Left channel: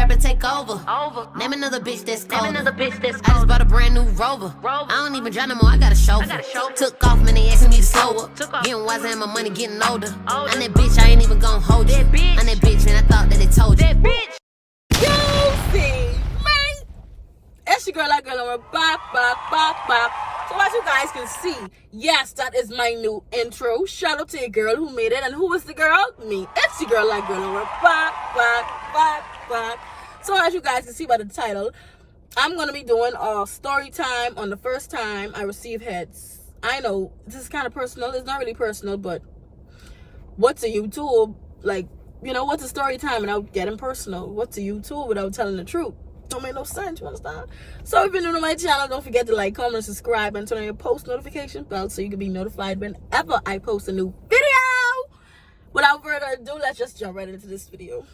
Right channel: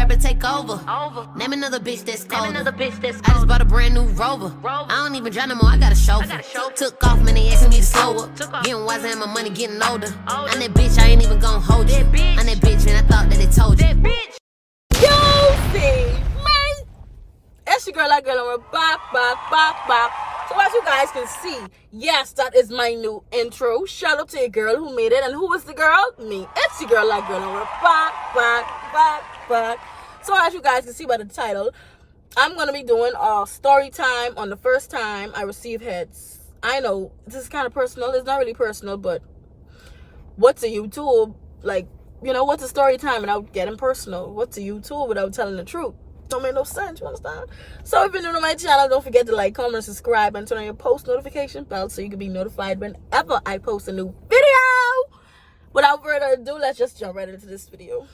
trap and take over. Name another bitch that's cold. I just bought a brand new Rover. I don't even drive no more, I got a chauffeur. Took off, man, they asking me to slow up. Getting wiser and my money getting older. I'm that bitch, I ain't even gon' hold you. I'm that bitch, and I thought that they told you. You see, mate? It's your girl, that girl on her bop. So as you guys can see, yes, that is my new intro. Shout out to your girl who made it. And who is the girl? Me. It's your girl, that girl on her bop. So as you guys can see by the title, I'm going to be doing a story time on the first time I receive heads. I know, this is kind of personal. It's not really personal, but what's a YouTube? Like, you know, what's a story time without getting personal? What's a YouTube without telling the truth? Don't make no sense, you understand? So if you're new to my channel, don't forget to like, comment, subscribe, and turn on your post notification bell so you can be notified whenever I post a new video. Without further ado, let's just jump right into this video.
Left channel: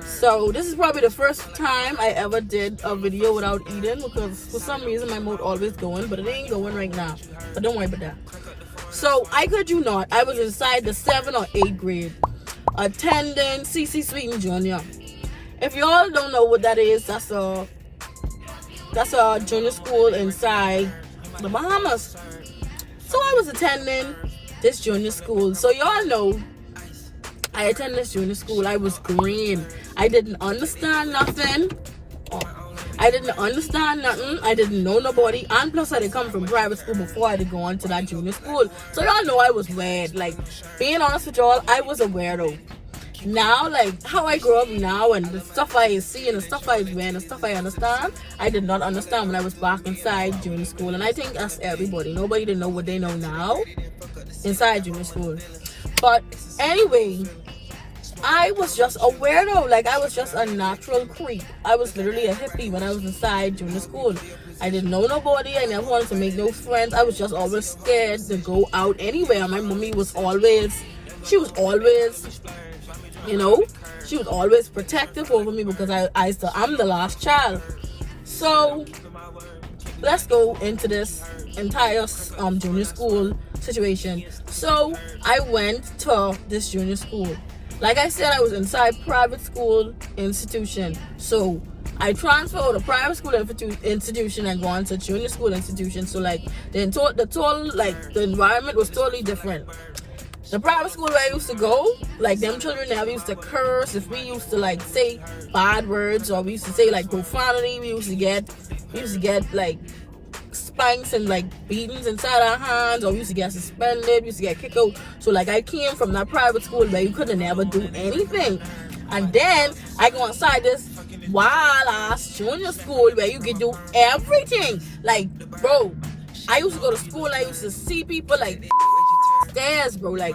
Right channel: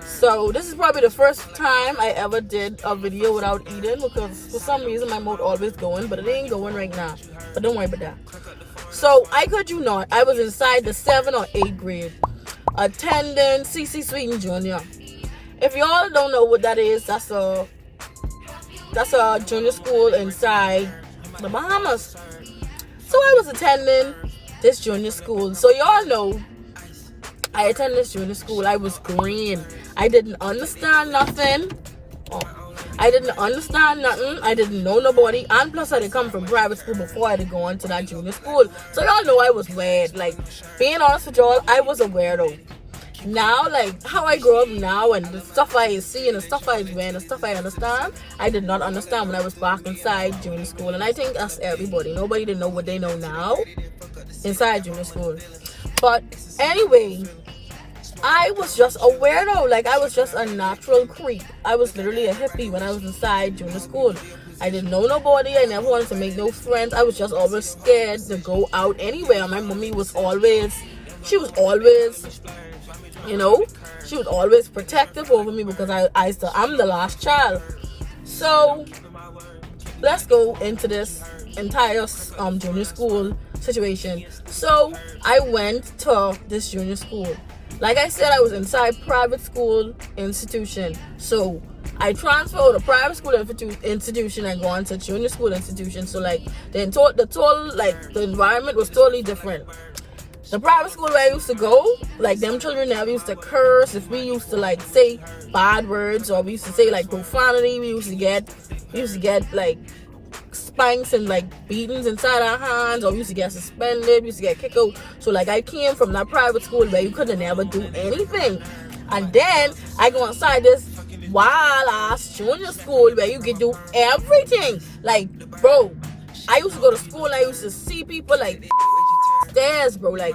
So this is probably the first time I ever did a video without eating, because for some reason my mouth always going, but it ain't going right now. But don't worry about that. So I could you not, I was inside the 7th or 8th grade, attending CC Sweeten Junior. If y'all don't know what that is, that's a junior school inside the Bahamas. So I was attending this junior school. So y'all know I attended this junior school. I was green. I didn't understand nothing. I didn't know nobody. And plus I didn't come from private school before I had gone to that junior school. So y'all know I was weird. Like, being honest with y'all, I was a weirdo. Now, like, how I grow up now and the stuff I see and the stuff I wear and the stuff I understand, I did not understand when I was back inside junior school. And I think that's everybody. Nobody didn't know what they know now inside junior school. But anyway, I was just a weirdo. Like, I was just a natural creep. I was literally a hippie when I was inside junior school. I didn't know nobody. I never wanted to make no friends. I was just always scared to go out anywhere. My mommy was always, you know, she was always protective over me because I'm the last child. So let's go into this entire junior school situation. So I went to this junior school. Like I said, I was inside private school institution. So I transferred to private school institution and gone to junior school institution. So like the environment was totally different. The private school where I used to go, like, them children never used to curse. If we used to like say bad words or we used to say like profanity, we used to get like spanks and like beatings inside our hands, or we used to get suspended, we used to get kicked out. So like I came from that private school where you couldn't never do anything. And then I go outside this wild ass junior school where you can do everything. Like, bro, I used to go to school and I used to see people like stairs, bro. Like,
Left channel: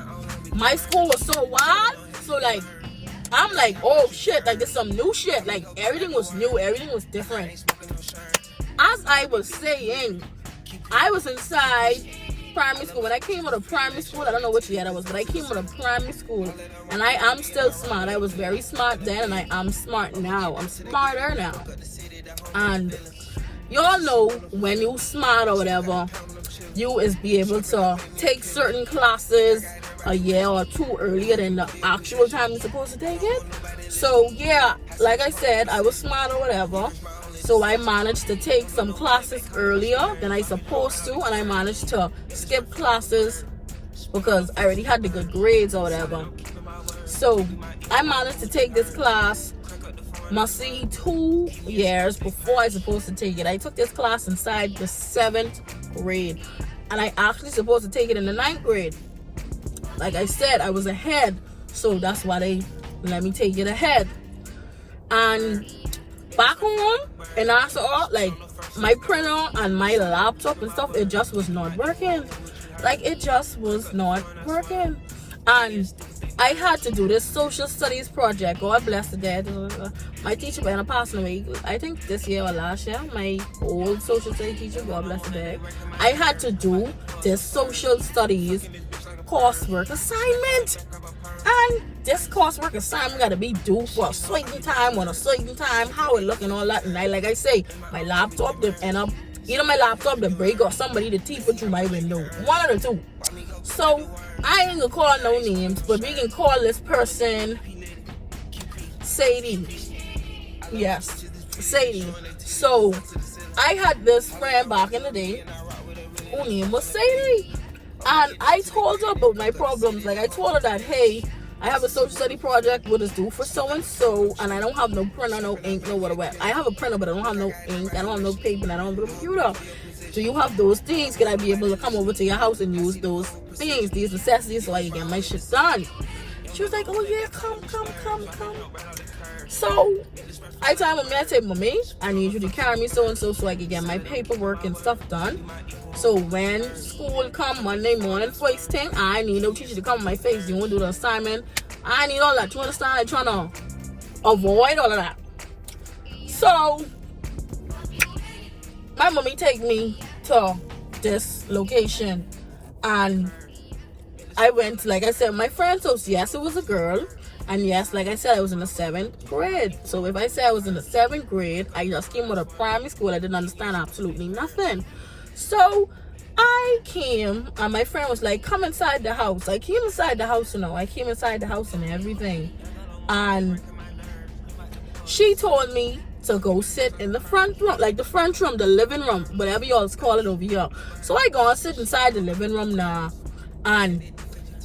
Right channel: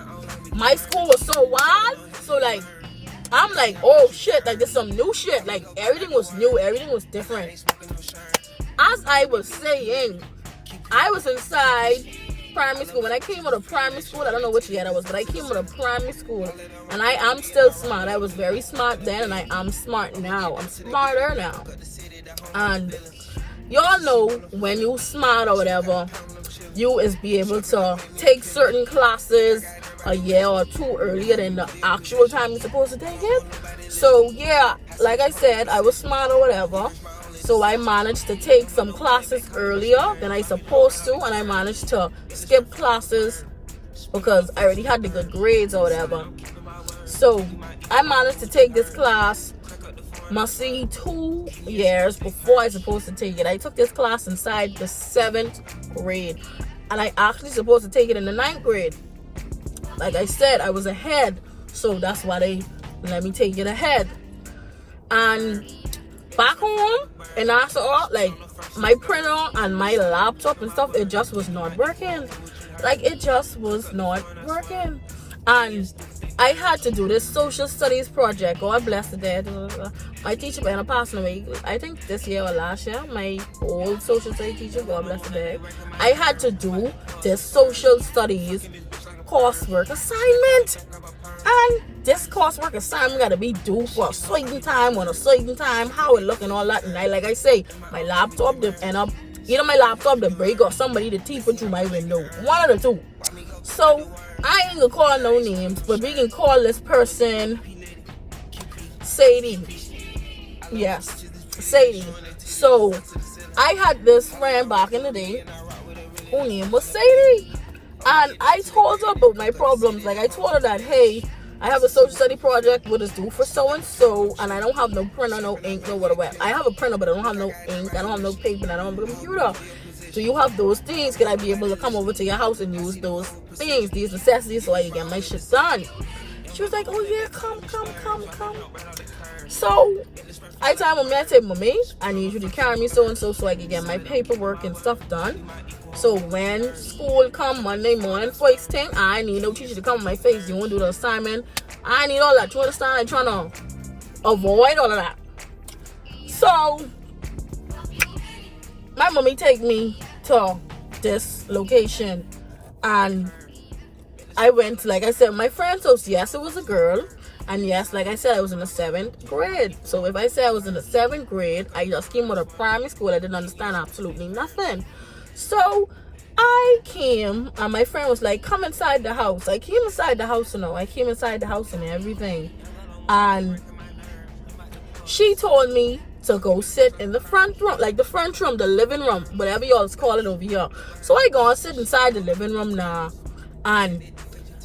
my school was so wild. So like, I'm like, oh shit, like, there's some new shit. Like, everything was new, everything was different. As I was saying, I was inside primary school. When I came out of primary school, I don't know which year that was, but I came out of primary school, and I am still smart. I was very smart then, and I am smart now. I'm smarter now. And y'all know when you smart or whatever, you is be able to take certain classes a year or two earlier than the actual time you're supposed to take it. So yeah, like I said, I was smart or whatever. So I managed to take some classes earlier than I supposed to, and I managed to skip classes because I already had the good grades or whatever. So I managed to take this class, must see 2 years before I was supposed to take it. I took this class inside the 7th grade, and I actually supposed to take it in the 9th grade. Like I said, I was ahead, so that's why they let me take it ahead. And back home in Nassau, like, my printer and my laptop and stuff, it just was not working. Like, it just was not working. And I had to do this social studies project. God bless the dead. My teacher went passed away, I think this year or last year. My old social studies teacher, God bless the dead. I had to do this social studies coursework assignment. And this coursework assignment got to be due for a certain time, on a certain time, how it look and all that. And like I say, my laptop did end up, either my laptop did break or somebody to teeth through my window. One of the two. So I ain't gonna call no names, but we can call this person Sadie. Yes, Sadie. So I had this friend back in the day who name was Sadie. And I told her about my problems. Like I told her that, hey, I have a social study project what is due for so and so, and I don't have no printer, no ink, no whatever. I have a printer, but I don't have no ink, I don't have no paper, and I don't have a computer. Do you have those things? Can I be able to come over to your house and use those things, these necessities, so I can get my shit done? She was like, oh yeah, come. So I told my man, I said, mommy, I need you to carry me so and so I can get my paperwork and stuff done. So when school come Monday morning, first thing, I need no teacher to come in my face. You won't do the assignment. I need all that. You understand? I'm trying to avoid all of that. So my mommy take me to this location, and I went, like I said, my friend's house. Yes, it was a girl. And yes, like I said, I was in the 7th grade. So if I say I was in the 7th grade, I just came out of primary school. I didn't understand absolutely nothing. So I came, and my friend was like, come inside the house. I came inside the house, I came inside the house and everything. And she told me to go sit in the front room, like the front room, the living room, whatever y'all call it over here. So I go and sit inside the living room now. And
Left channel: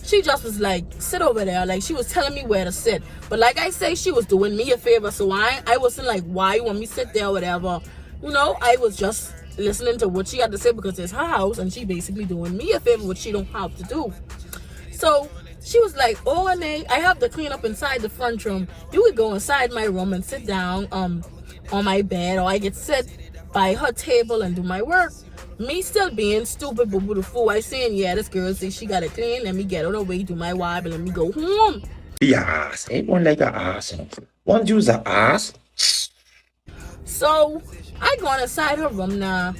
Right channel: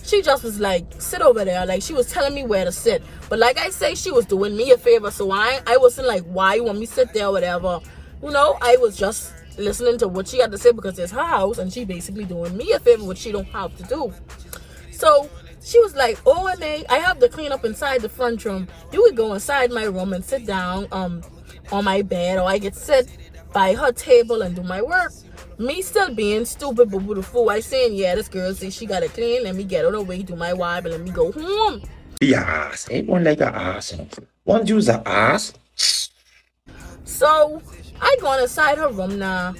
she just was like, sit over there. Like, she was telling me where to sit. But like I say, she was doing me a favor. So I wasn't like, why you want me to sit there or whatever. I was just listening to what she had to say because it's her house. And she basically doing me a favor, which she don't have to do. So she was like, oh, Renee, I have to clean up inside the front room. You would go inside my room and sit down on my bed. Or I could sit by her table and do my work. Me still being stupid, but with the fool, I saying, yeah, this girl says she got to clean. Let me get out of the way, do my wife, and let me go home. The ass. Everyone like an ass. One use an ass. So I go inside her room now.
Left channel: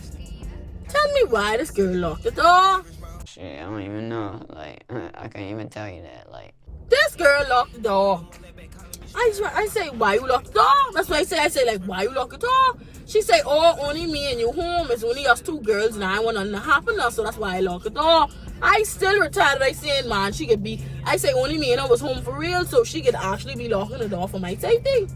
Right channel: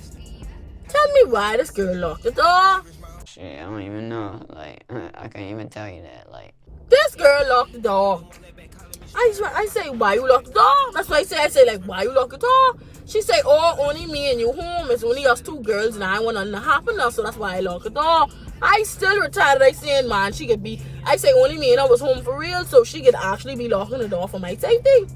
Tell me why this girl locked the door. Shit, I don't even know. Like, I can't even tell you that. Like, this girl locked the door. I say, why you lock the door? That's why I say, like, why you lock the door? She say, oh, only me and you home. It's only us two girls and I want nothing to happen now, so that's why I lock the door. I still retired. I saying, man, she could be, I say only me and I was home for real, so she could actually be locking the door for my safety.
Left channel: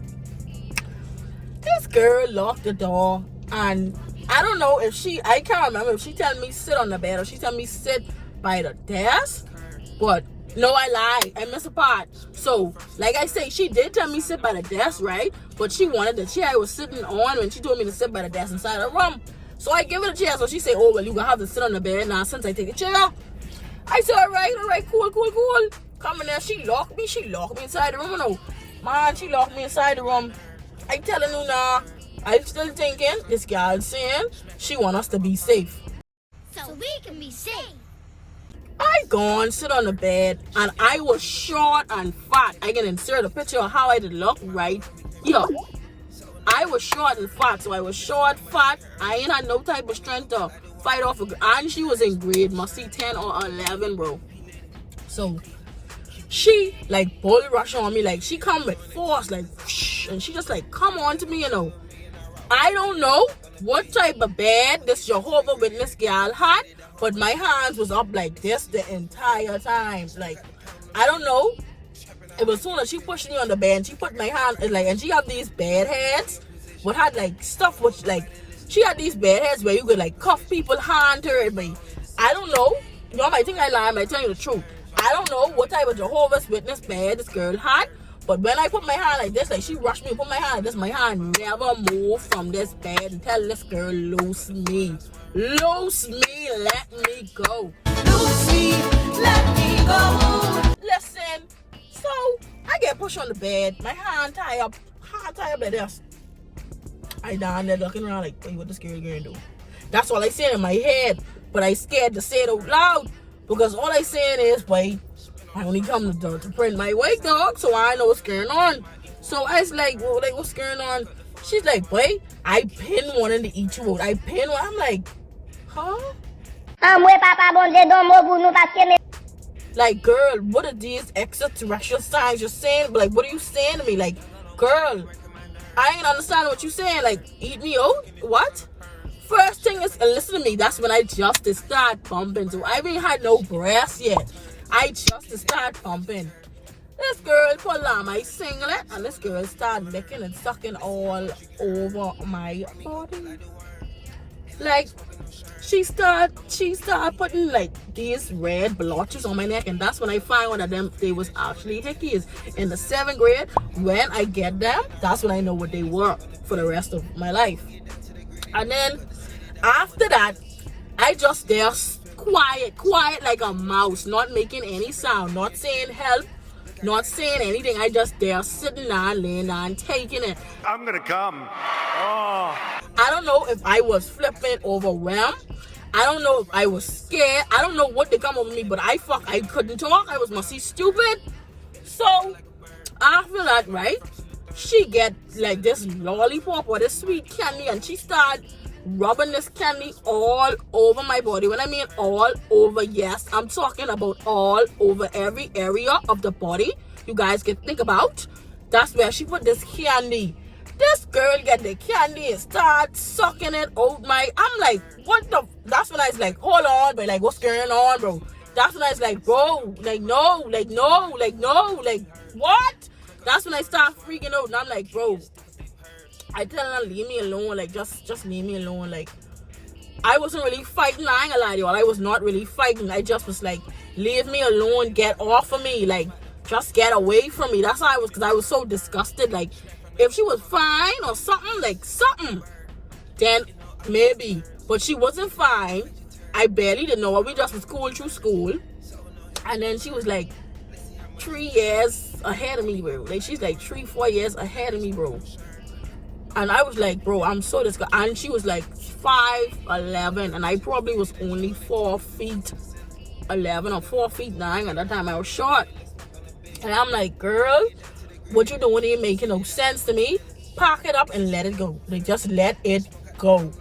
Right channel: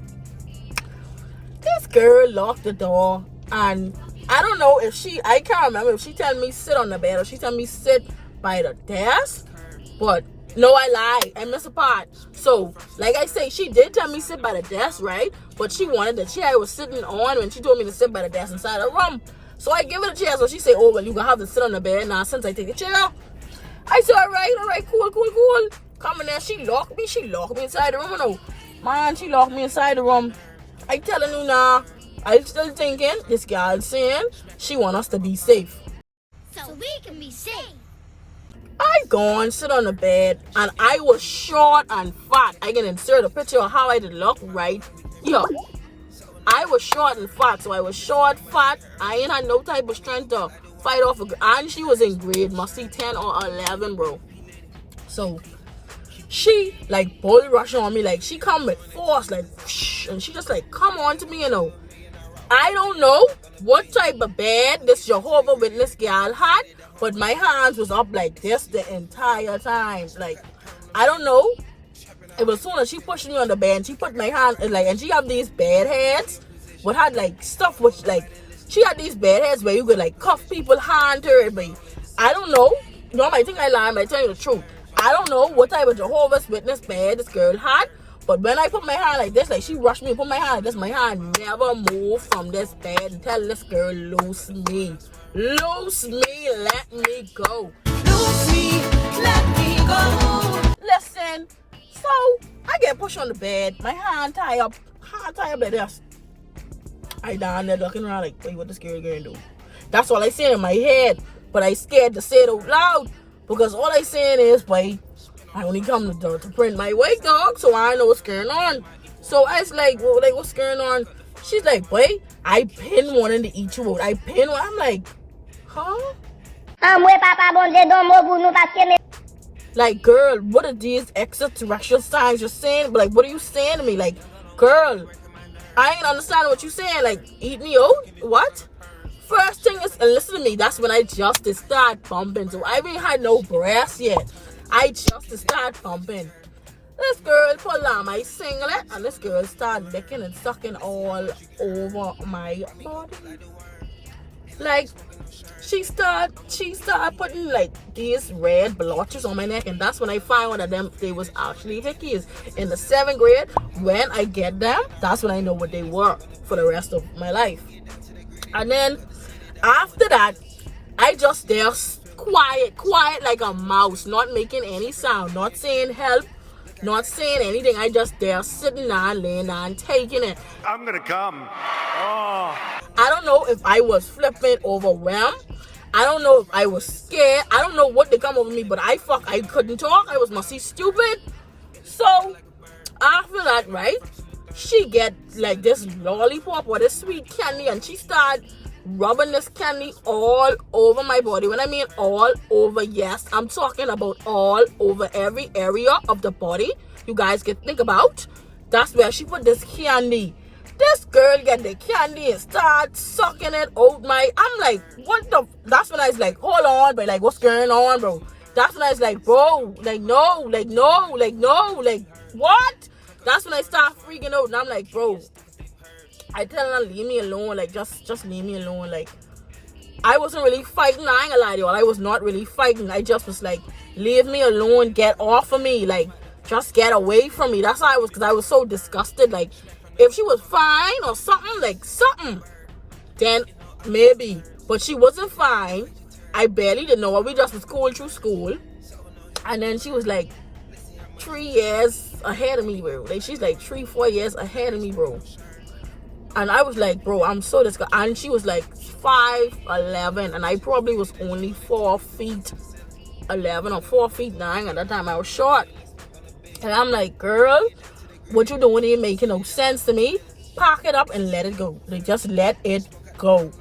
This girl locked the door, and I don't know if I can't remember if she tell me sit on the bed or she tell me sit by the desk, but no, I lied. I missed a part. So, like I say, she did tell me sit by the desk, right? But she wanted the chair I was sitting on when she told me to sit by the desk inside her room. So I give her the chair. So she say, oh, well, you're going to have to sit on the bed now since I take a chair. I said, all right, cool. Come in there. She locked me inside the room. No, man, she locked me inside the room. I telling you now, I still thinking this girl saying she want us to be safe. So we can be safe. I go and sit on the bed, and I was short and fat. I can insert a picture of how I did look right here. I was short and fat, so I was short, fat. I ain't had no type of strength to fight off and she was in grade, must see 10 or 11, bro. So she like bull rush on me, like she come with force, like shh, and she just like come on to me, I don't know what type of bed this Jehovah Witness girl had, but my hands was up like this the entire time. Like, I don't know. It was soon as she pushed me on the bed, and she put my hand, like, and she had these bed heads, what had like stuff, which like, she had these bed heads where you could like cuff people, hand her, but I don't know. You might think I lie, but I tell you the truth. I don't know what type of Jehovah's Witness bed this girl had. But when I put my hand like this, like she rushed me and put my hand like this, my hand never moved from this bed until this girl loose me. Loose me, let me go. Loose me, let me go. Listen, so I get pushed on the bed, my hand tie up like this. I down there looking around like, hey, what this girl gonna do? That's all I say in my head, but I scared to say it out loud because all I saying is, wait, I only come to print my weight, dog, so I know what's going on. So I was like, well, like, what's going on? She's like, boy, I been wanting to eat you out. I'm like, huh? Like, girl, what are these extraterrestrial signs you're saying? But like, what are you saying to me? Like, girl, I ain't understand what you're saying. Like, eat me out? What? First thing is, listen to me, that's when I just start pumping. So I ain't had no breath yet. I just start pumping. This girl pulled on my singlet and this girl started licking and sucking all over my body. Like, she started putting like these red blotches on my neck, and that's when I found out that they was actually hickeys. In the 7th grade, when I get them, that's when I know what they were for the rest of my life. And then after that, I just there quiet like a mouse, not making any sound, not saying help, not saying anything. I just there sitting down, laying down, taking it. I'm gonna come. Oh. I don't know if I was flipping overwhelmed. I don't know if I was scared. I don't know what they come over me, but I couldn't talk. I was mostly stupid. So after that, right, she get like this lollipop or this sweet candy, and she started rubbing this candy all over my body. When I mean all over, yes, I'm talking about all over every area of the body you guys can think about. That's where she put this candy. This girl get the candy and start sucking it out my... I'm like, what the... That's when I was like, hold on, but like, what's going on, bro? That's when I was like, bro, like, no, like, what? That's when I start freaking out, and I'm like, bro, I tell her, leave me alone, like, just leave me alone. Like, I wasn't really fighting, I ain't gonna lie to y'all, I was not really fighting. I just was like, leave me alone, get off of me, like, just get away from me. That's how I was, because I was so disgusted. Like, if she was fine or something, then maybe. But she wasn't fine. I barely didn't know her. We just was going through school. And then she was like 3 years ahead of me, bro. Like, she's like 3-4 years ahead of me, bro. And I was like, bro, I'm so disgusted. And she was like 5'11", and I probably was only 4 feet 11 or 4 feet 9 at that time. I was short. And I'm like, girl, what you doing ain't making no sense to me. Pack it up and let it go. Like, just let it go.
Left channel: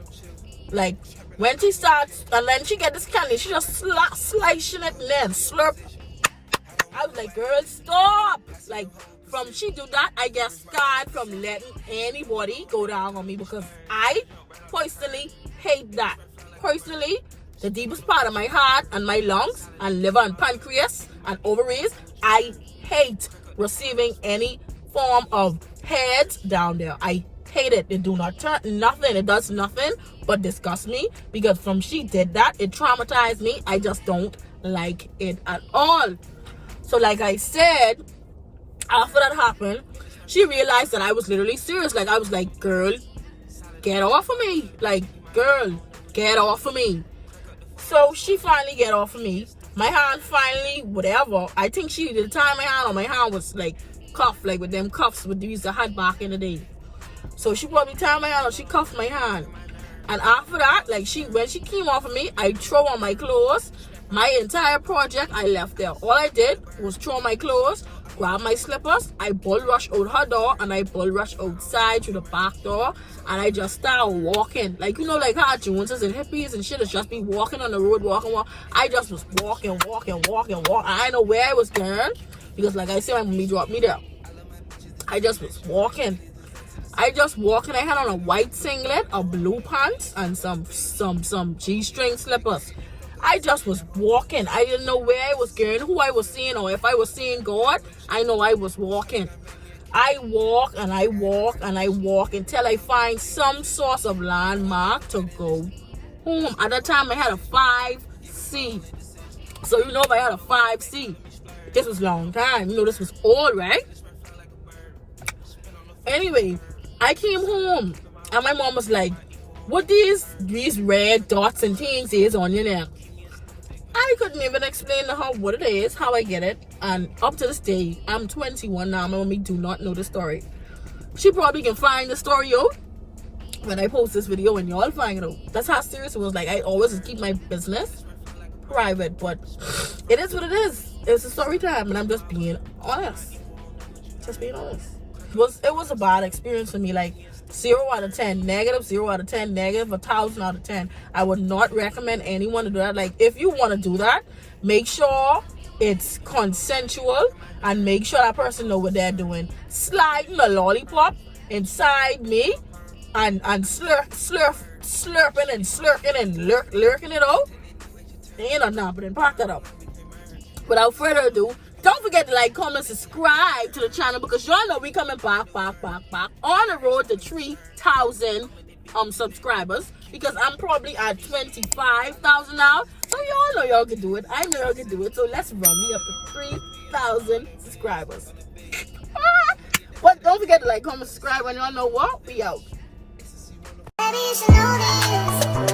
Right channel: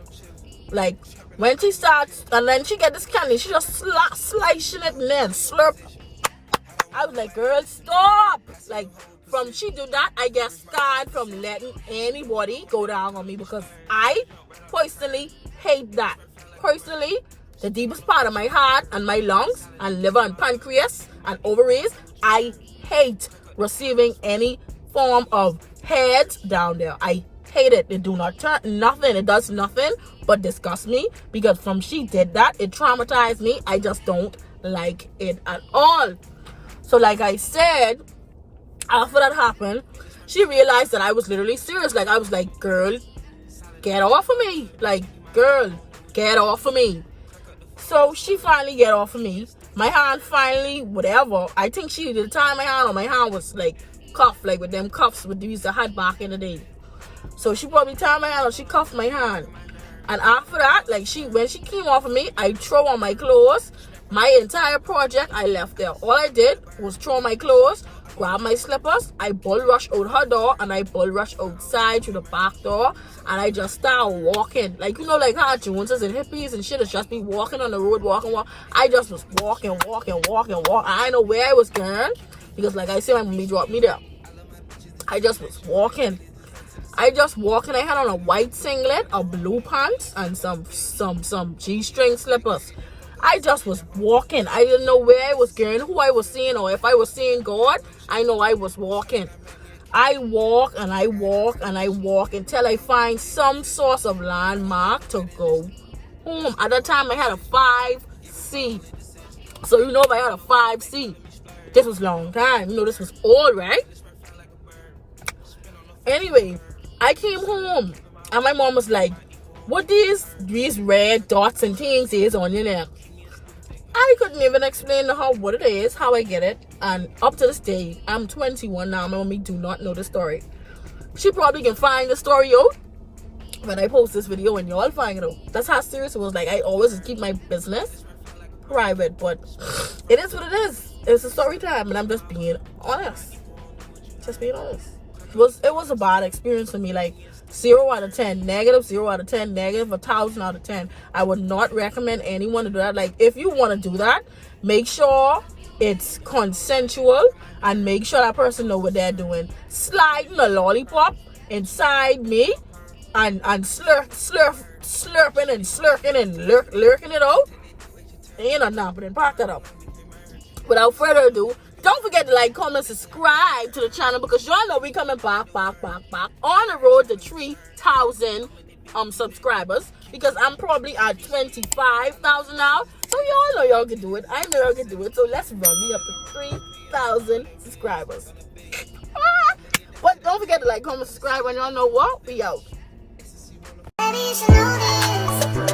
Like, when she starts, and then she get this candy, she just slicing it and then slurp. I was like, girl, stop. Like, from she do that, I just started from letting anybody go down on me, because I personally hate that. Personally, the deepest part of my heart and my lungs and liver and pancreas and ovaries, I hate receiving any form of head down there. I hate it. It do not turn nothing. It does nothing but disgust me, because from she did that, it traumatized me. I just don't like it at all. So like I said, after that happened, she realized that I was literally serious. Like, I was like, girl, get off of me. Like, girl, get off of me. So she finally get off of me. My hand finally, whatever. I think she did tie my hand, or my hand was like cuffed, like with them cuffs with these I had back in the day. So she probably tied my hand, or she cuffed my hand. And after that, like, when she came off of me, I throw on my clothes. My entire project, I left there. All I did was throw on my clothes, grab my slippers, I bull rush out her door, and I bull rush outside to the back door, and I just start walking. Like, you know, like how Joneses and hippies and shit is just be walking on the road, walking. I just was walking. I didn't know where I was going, because like I said, when mommy dropped me there, I just was walking. I had on a white singlet, a blue pants, and some G-string slippers. I just was walking. I didn't know where I was going, who I was seeing, or if I was seeing God. I know I was walking. I walk and I walk and I walk until I find some source of landmark to go home. At that time, I had a 5C. So, you know, if I had a 5C, this was a long time. You know, this was old, right? Anyway, I came home and my mom was like, what these red dots and things is on your neck? I couldn't even explain to her what it is, how I get it. And up to this day, I'm 21 now. My mommy do not know the story. She probably can find the story out when I post this video, and y'all find it out. That's how serious it was. Like, I always just keep my business private, but it is what it is. It's a story time, and I'm just being honest. Just being honest. It was a bad experience for me. Like, 0 out of 10 negative, 0 out of 10 negative, 1,000 out of 10. I would not recommend anyone to do that. Like, if you want to do that, make sure it's consensual, and make sure that person know what they're doing. Sliding a lollipop inside me and slurping and slurking and lurking it out, ain't enough. Then pack that up. Without further ado, Don't forget to like, comment, subscribe to the channel because y'all know we coming back on the road to 3,000 subscribers because I'm probably at 25,000 now. So y'all know y'all can do it. I know y'all can do it. So let's run. We up to 3,000 subscribers. But don't forget to like, comment, subscribe, and y'all know what? We out. Baby, you should know this.